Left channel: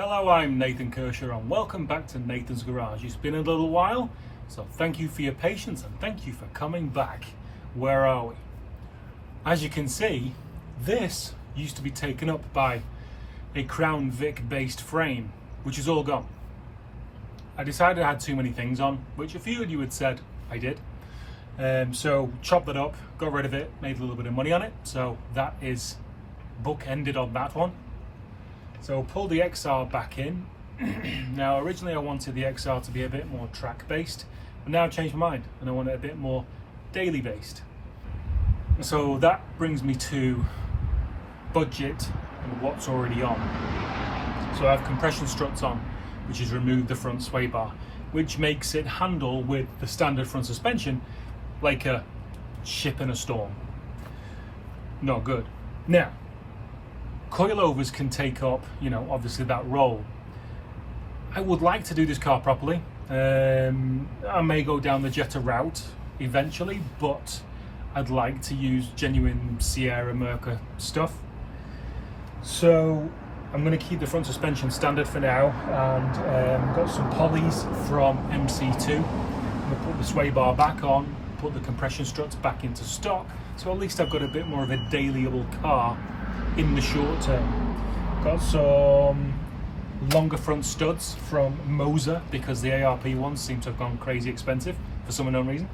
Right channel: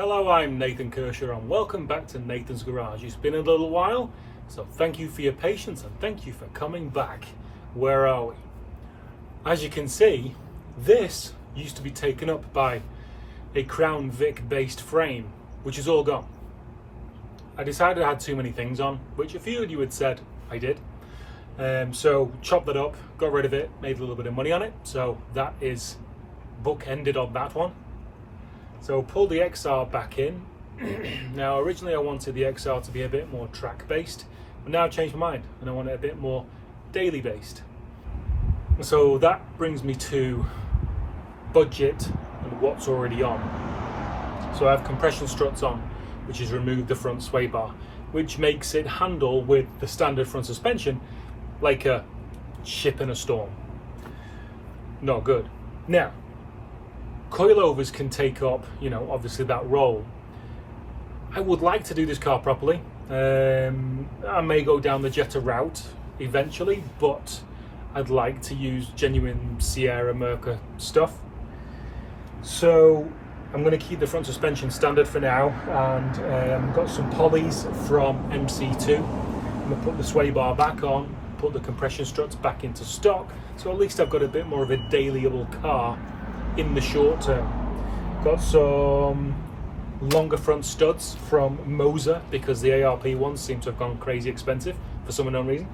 Hello, I'm Nathan Kershaw and welcome back to Nathan's Garage. It's been a little while, so thank you for your patience and thank you for coming back. Where are we? As you can see, this used to be taken up by a Crown Vic based frame, which is all gone. I decided I had too many things on, which a few of you had said I did. So chopped that up, got rid of it, made a little bit of money on it. So that is book-ended on that one. So pull the XR back in. Now originally I wanted the XR to be a bit more track based, but now I've changed my mind and I want it a bit more daily based. So that brings me to budget and what's already on. So I have compression struts on, which has removed the front sway bar, which makes it handle with the standard front suspension like a ship in a storm. Not good. Now, coilovers can take up, obviously that role. I would like to do this car properly. I may go down the Jetta route eventually, but I'd like to use genuine Sierra Merca stuff. So I'm going to keep the front suspension standard for now, and got some polys from MC2. I'm going to put the sway bar back on, put the compression struts back into stock, so at least I've got a bit more of a dailyable car in the short term. Got some longer front studs from Moser because the ARP ones seem to have gone crazy expensive for some unknown reason.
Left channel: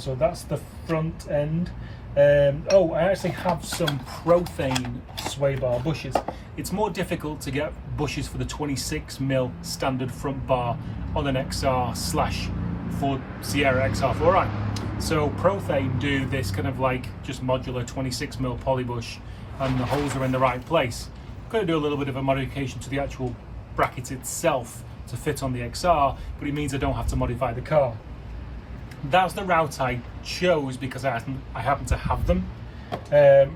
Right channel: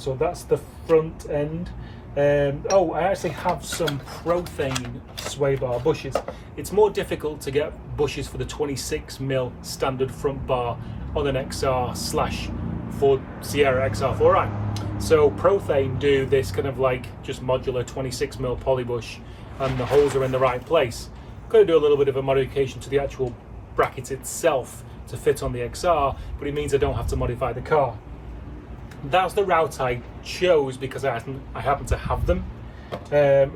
So that's the front end. I actually have some Profane sway bar bushes. It's more difficult to get bushes for the 26mm standard front bar on an XR / Ford Sierra XR4i. So Profane do this kind of like just modular 26mm poly bush, and the holes are in the right place. Got to do a little bit of a modification to the actual bracket itself to fit on the XR, but it means I don't have to modify the car. That's the route I chose because I happen to have them.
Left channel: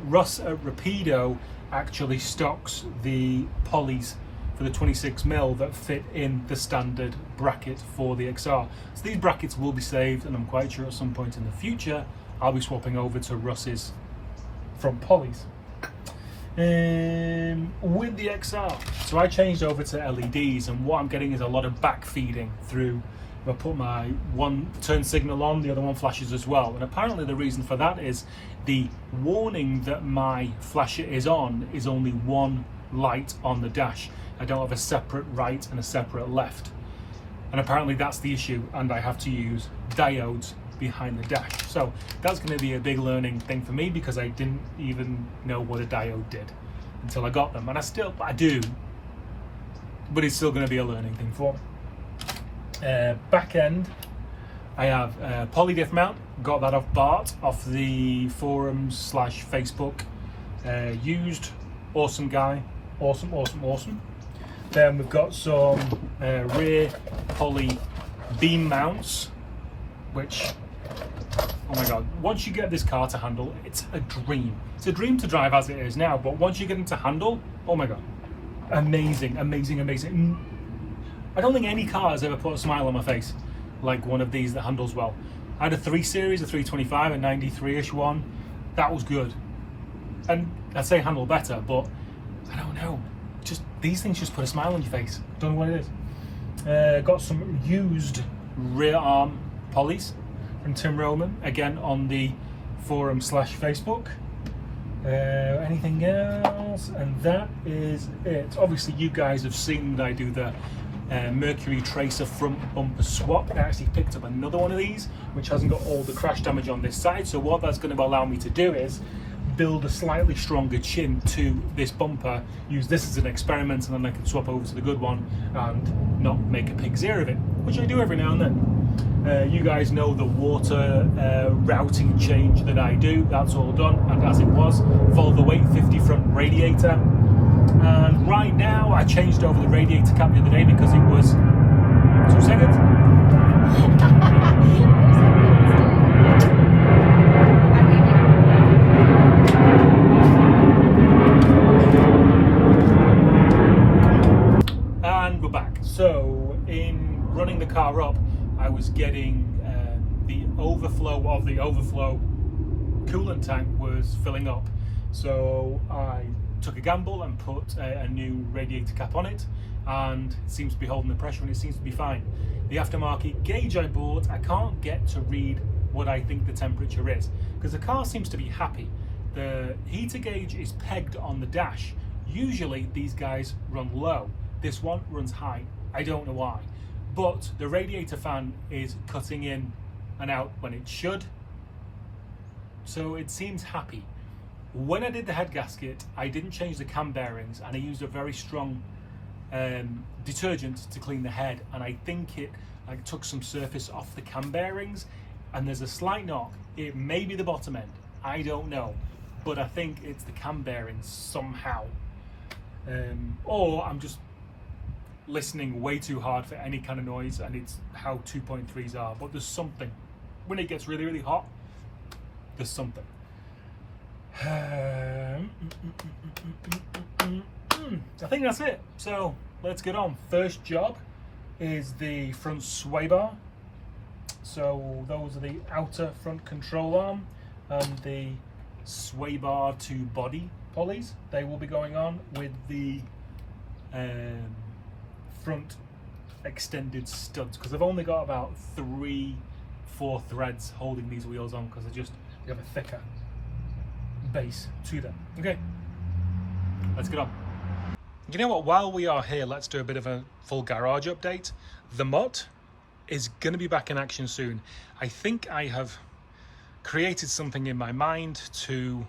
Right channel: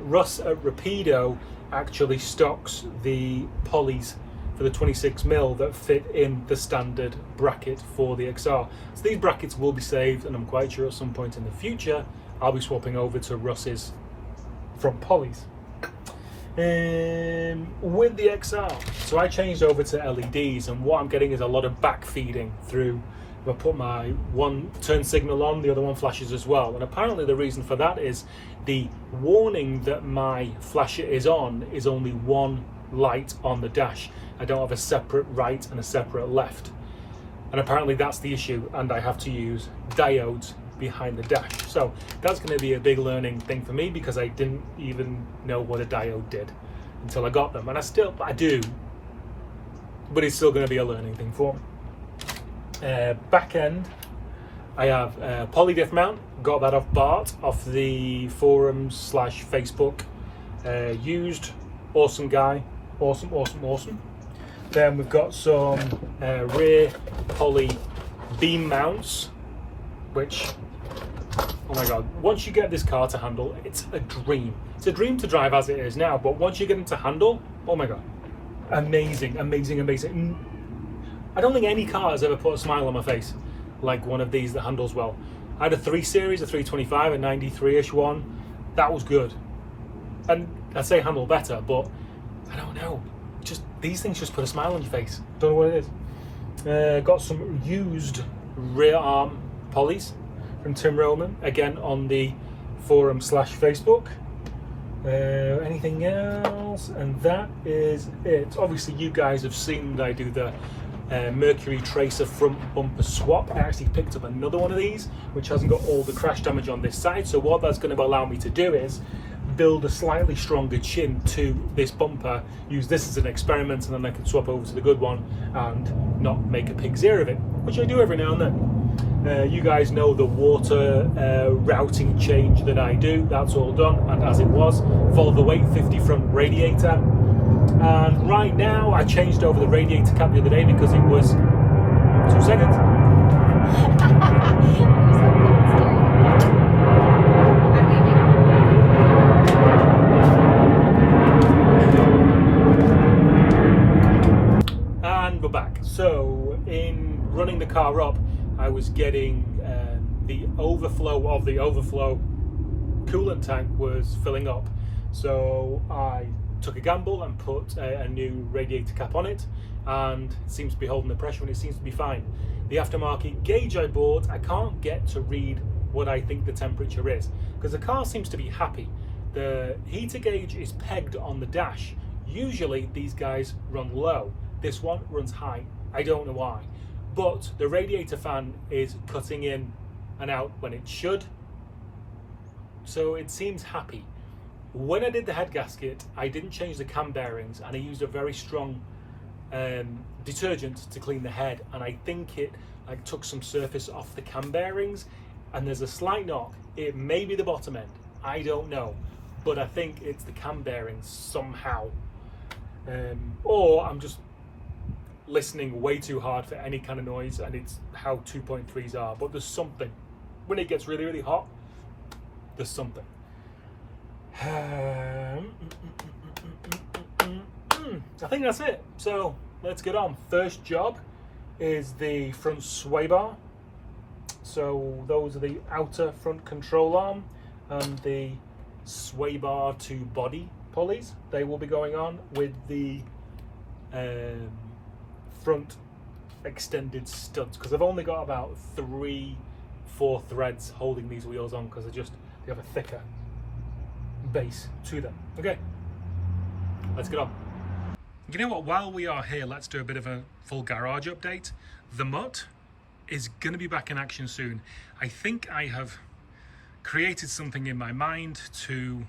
Russ at Rapido actually stocks the polys for the 26mm that fit in the standard bracket for the XR. So these brackets will be saved, and I'm quite sure at some point in the future I'll be swapping over to Russ's front polys. With the XR, so I changed over to LEDs, and what I'm getting is a lot of back feeding through. If I put my one turn signal on, the other one flashes as well, and apparently the reason for that is the warning that my flasher is on is only one light on the dash. I don't have a separate right and a separate left, and apparently that's the issue, and I have to use diodes behind the dash. So that's going to be a big learning thing for me because I didn't even know what a diode did until I got them, and I do, but it's still going to be a learning thing for me. Back end, I have a polydiff mount, got that off Bart, off the forums / Facebook. Used, awesome guy, awesome. Then we've got some rear poly beam mounts, which, oh my god, once you get this car to handle, it's a dream. It's a dream to drive as it is now, but once you get into handle, oh my god, amazing. I don't think any car has ever put a smile on my face like one of these that handles well. I had a 3 Series, a 325, a 93-ish one. That was good. And I'd say handle better, but I don't know. Just these things just put a smile on your face. Don't know what it is. Got some used rear arm polys from Tim Roman, again on the forum / Facebook. Anything else? And that is it. Obviously you guys have seen that I do the Mercury Tracer front bumper swap. I actually picked up another one of these which hasn't got all the crash damage on this side, so what that's going to allow me to do is build a slightly stronger chin to this bumper, use this as an experiment, and then I can swap over to the good one and not make a pig's ear of it, which I do every now and then. You guys know the water routing change that I do. That's all done, and as it was, Volvo 850 front radiator. And right now, I changed over the radiator cap the other day because it was 2 seconds. And we're back. So in running the car up, I was getting the overflow of the overflow coolant tank was filling up. So I took a gamble and put a new radiator cap on it, and it seems to be holding the pressure and it seems to be fine. The aftermarket gauge I bought, I can't get to read what I think the temperature is, because the car seems to be happy. The heater gauge is pegged on the dash. Usually these guys run low. This one runs high. I don't know why. But the radiator fan is cutting in and out when it should. So it seems happy. When I did the head gasket, I didn't change the cam bearings, and I used a very strong detergent to clean the head, and I think it like took some surface off the cam bearings, and there's a slight knock. It may be the bottom end, I don't know, but I think it's the cam bearings somehow, or I'm just listening way too hard for any kind of noise, and it's how 2.3s are. But there's something when it gets really hot, there's something. I think that's it. So let's get on. First job is the front sway bar. So those are the outer front control arm and the sway bar to body pulleys. They will be going on with the front extended studs, because I've only got about 3-4 threads holding these wheels on, because they have a thicker base to them. Okay, let's get on. You know what, while we are here, let's do a bit of a full garage update. The Mutt is going to be back in action soon. I think I have created something in my mind to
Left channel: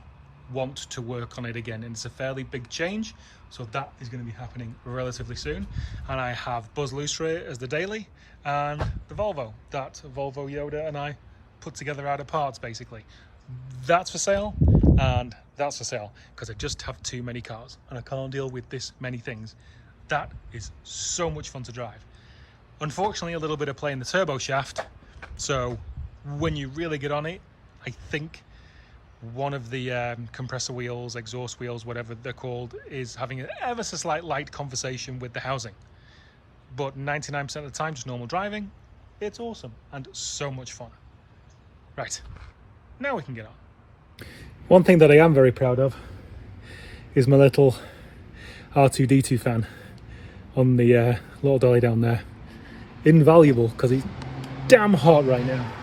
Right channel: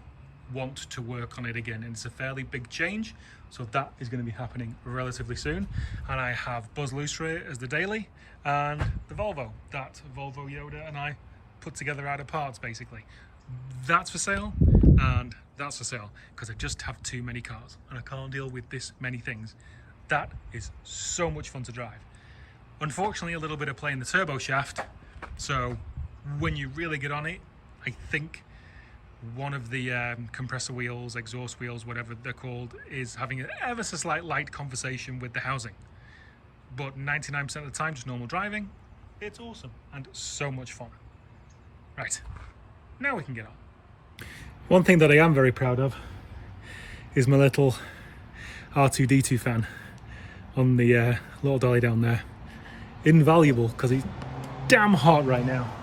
want to work on it again, and it's a fairly big change, so that is going to be happening relatively soon. And I have Buzz Looseray as the daily, and the Volvo that Volvo Yoda and I put together out of parts, basically. That's for sale, and that's for sale, because I just have too many cars and I can't deal with this many things. That is so much fun to drive. Unfortunately, a little bit of play in the turbo shaft, so when you really get on it, I think one of the compressor wheels, exhaust wheels, whatever they're called, is having an ever so slight light conversation with the housing. But 99% of the time, just normal driving, it's awesome and so much fun. Right, now we can get on. One thing that I am very proud of is my little R2D2 fan on the little dolly down there. Invaluable, because it's damn hot right now.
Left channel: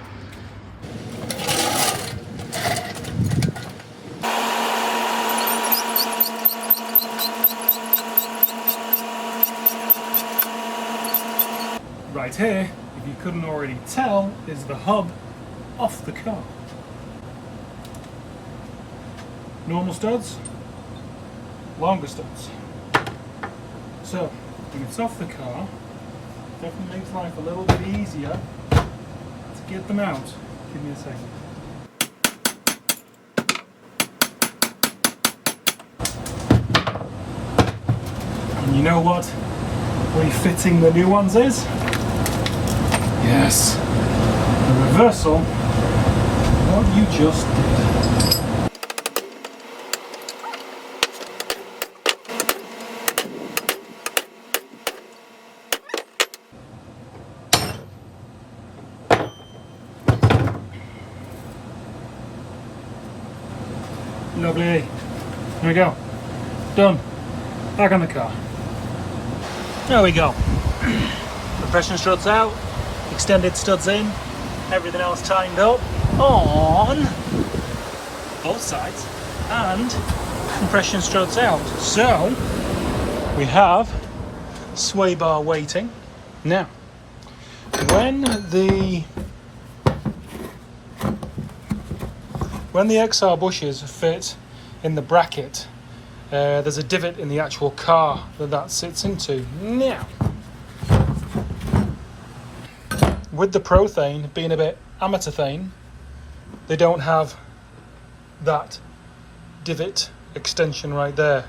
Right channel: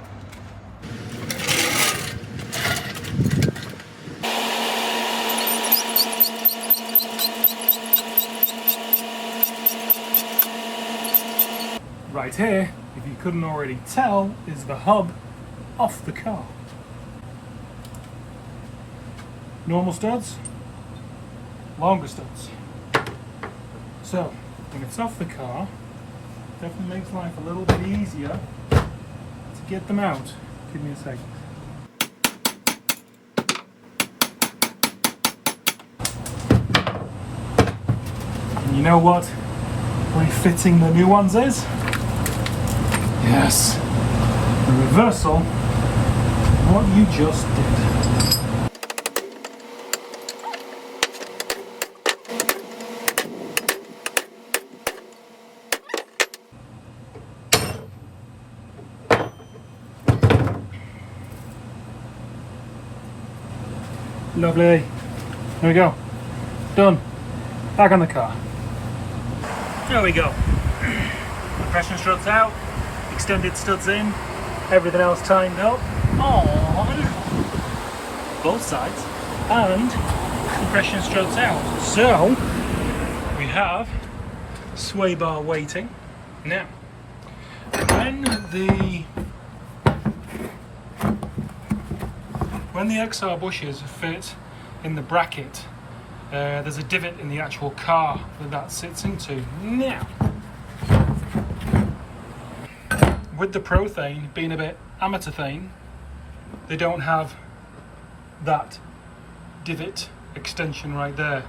Right here, if you couldn't already tell, is the hub off the car. Normal studs, longer studs. So when it's off the car, it definitely makes life a little bit easier to get them out. Give me a second. And you know what refitting the new ones is? Yes, the reversal of what you just did. Lovely. There we go. Done. Back on the car. There we go. Compression struts out, extended studs in, everything else timed up on both sides, and compression struts out. So we have sway bar waiting. Now, when the XR bushes fit in the bracket, there's a divot in the actual car that sits into. Now, with the Profane being a bit amateurthane, they don't have that divot extension right there.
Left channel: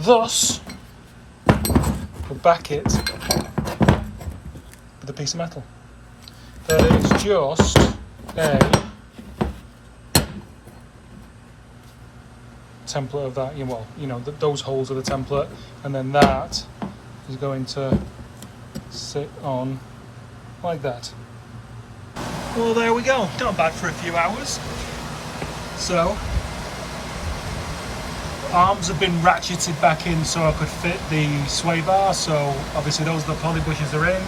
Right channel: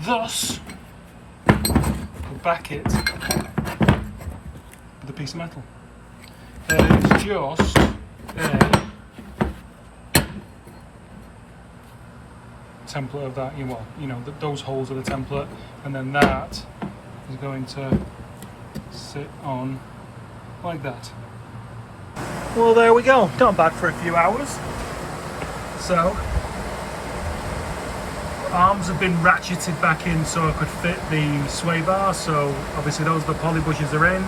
Thus, we'll back it with a piece of metal. There is just a template of that. Those holes are the template, and then that is going to sit on like that. Well, there we go. Not bad for a few hours. So Arms have been ratcheted back in so I could fit the sway bar. So obviously those the poly bushes are in.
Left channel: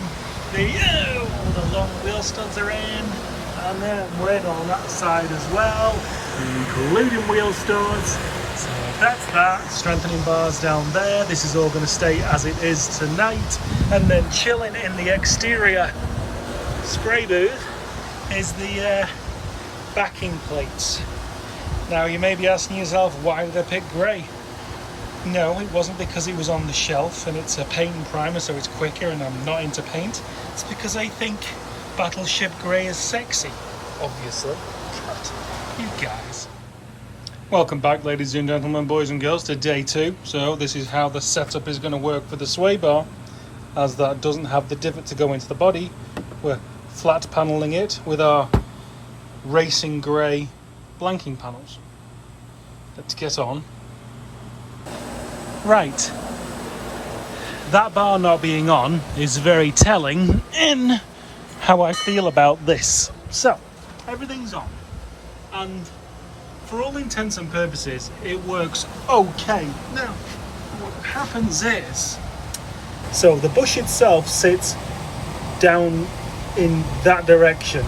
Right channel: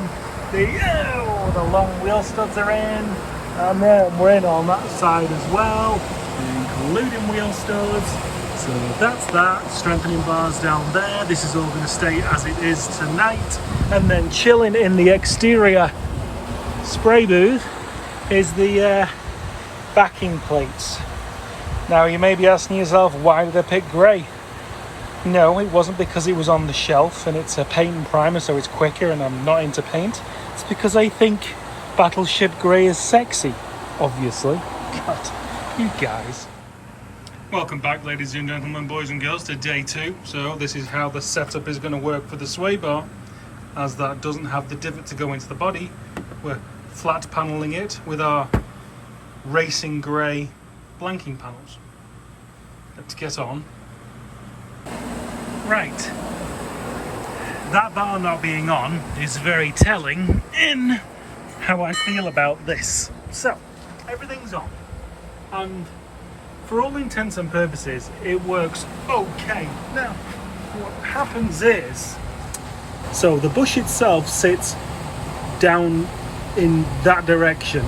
The long wheel studs are in, and then we're in on that side as well, including wheel studs. So that's that. Strengthening bars down there. This is all going to stay as it is tonight. And then chilling in the exterior spray booth is the backing plates. Now you may be asking yourself, why did I pick grey? No, it wasn't because it was on the shelf and it's a paint and primer, so it's quicker, and I'm not into paint. It's because I think Battleship Grey is sexy, obviously. But you guys. Welcome back, ladies and gentlemen, boys and girls, to day 2. So this is how the setup is going to work for the sway bar, as that doesn't have the divot to go into the body. We're flat paneling it with our racing grey blanking panels. Let's get on. Right, that bar not being on is very telling in how I feel about this. So, everything's on, and for all intents and purposes, it works okay. Now, what happens is, so the bush itself sits down in that direction,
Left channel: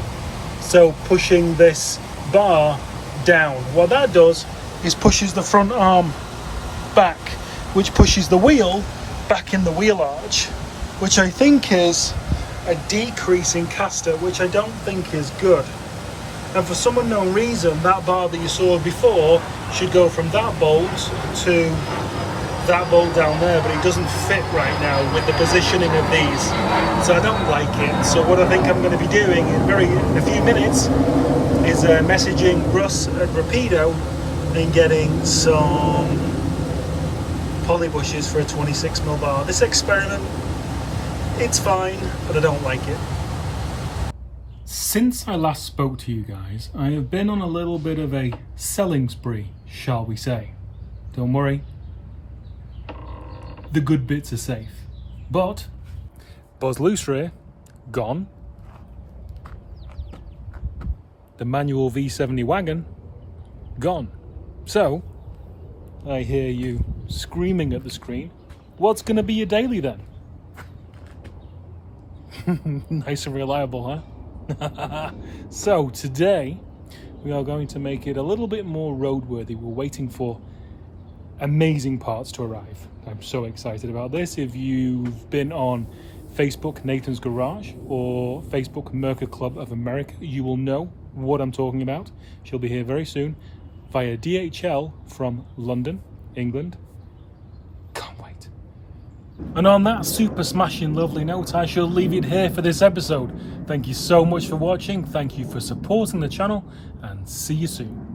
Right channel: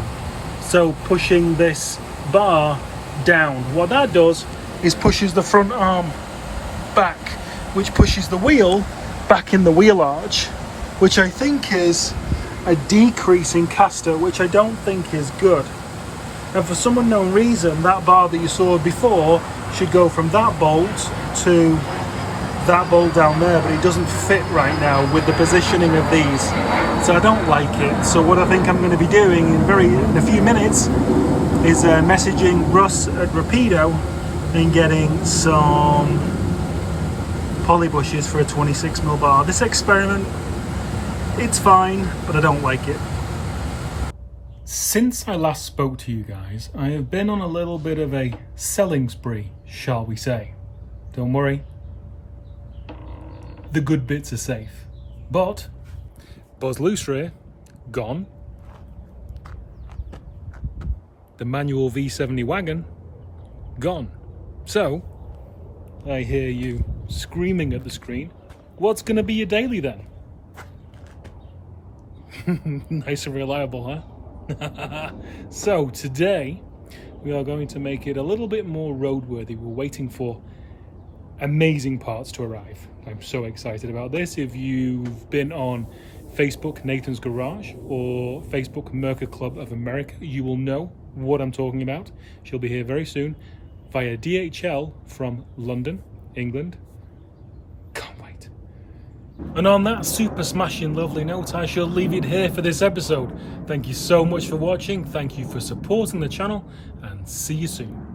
so pushing this bar down. What that does is pushes the front arm back, which pushes the wheel back in the wheel arch, which I think is a decrease in caster, which I don't think is good. And for some unknown reason, that bar that you saw before should go from that bolt to that bolt down there, but it doesn't fit right now with the positioning of these, so I don't like it. So what I think I'm going to be doing in a few minutes is messaging Russ at Rapido and getting some poly bushes for a 26mm bar. This experiment, it's fine, but I don't like it. Since I last spoke to you guys, I have been on a little bit of a selling spree, shall we say. Don't worry, the good bits are safe. But Buzz Loose rear, gone. The manual V70 wagon, gone. So, I hear you screaming at the screen, what's going to be your daily then? Nice and reliable, huh? So today we are going to make it a little bit more roadworthy. We're waiting for amazing parts to arrive. I'm so excited about this. If you've been on Facebook Nathan's Garage or Facebook Merca Club of America, you will know what I'm talking about. She'll be here very soon via DHL from London, England. Can't wait. And on that super smashing lovely note, I shall leave it here for this episode. Thank you so much for watching. Thank you for supporting the channel, and see you soon.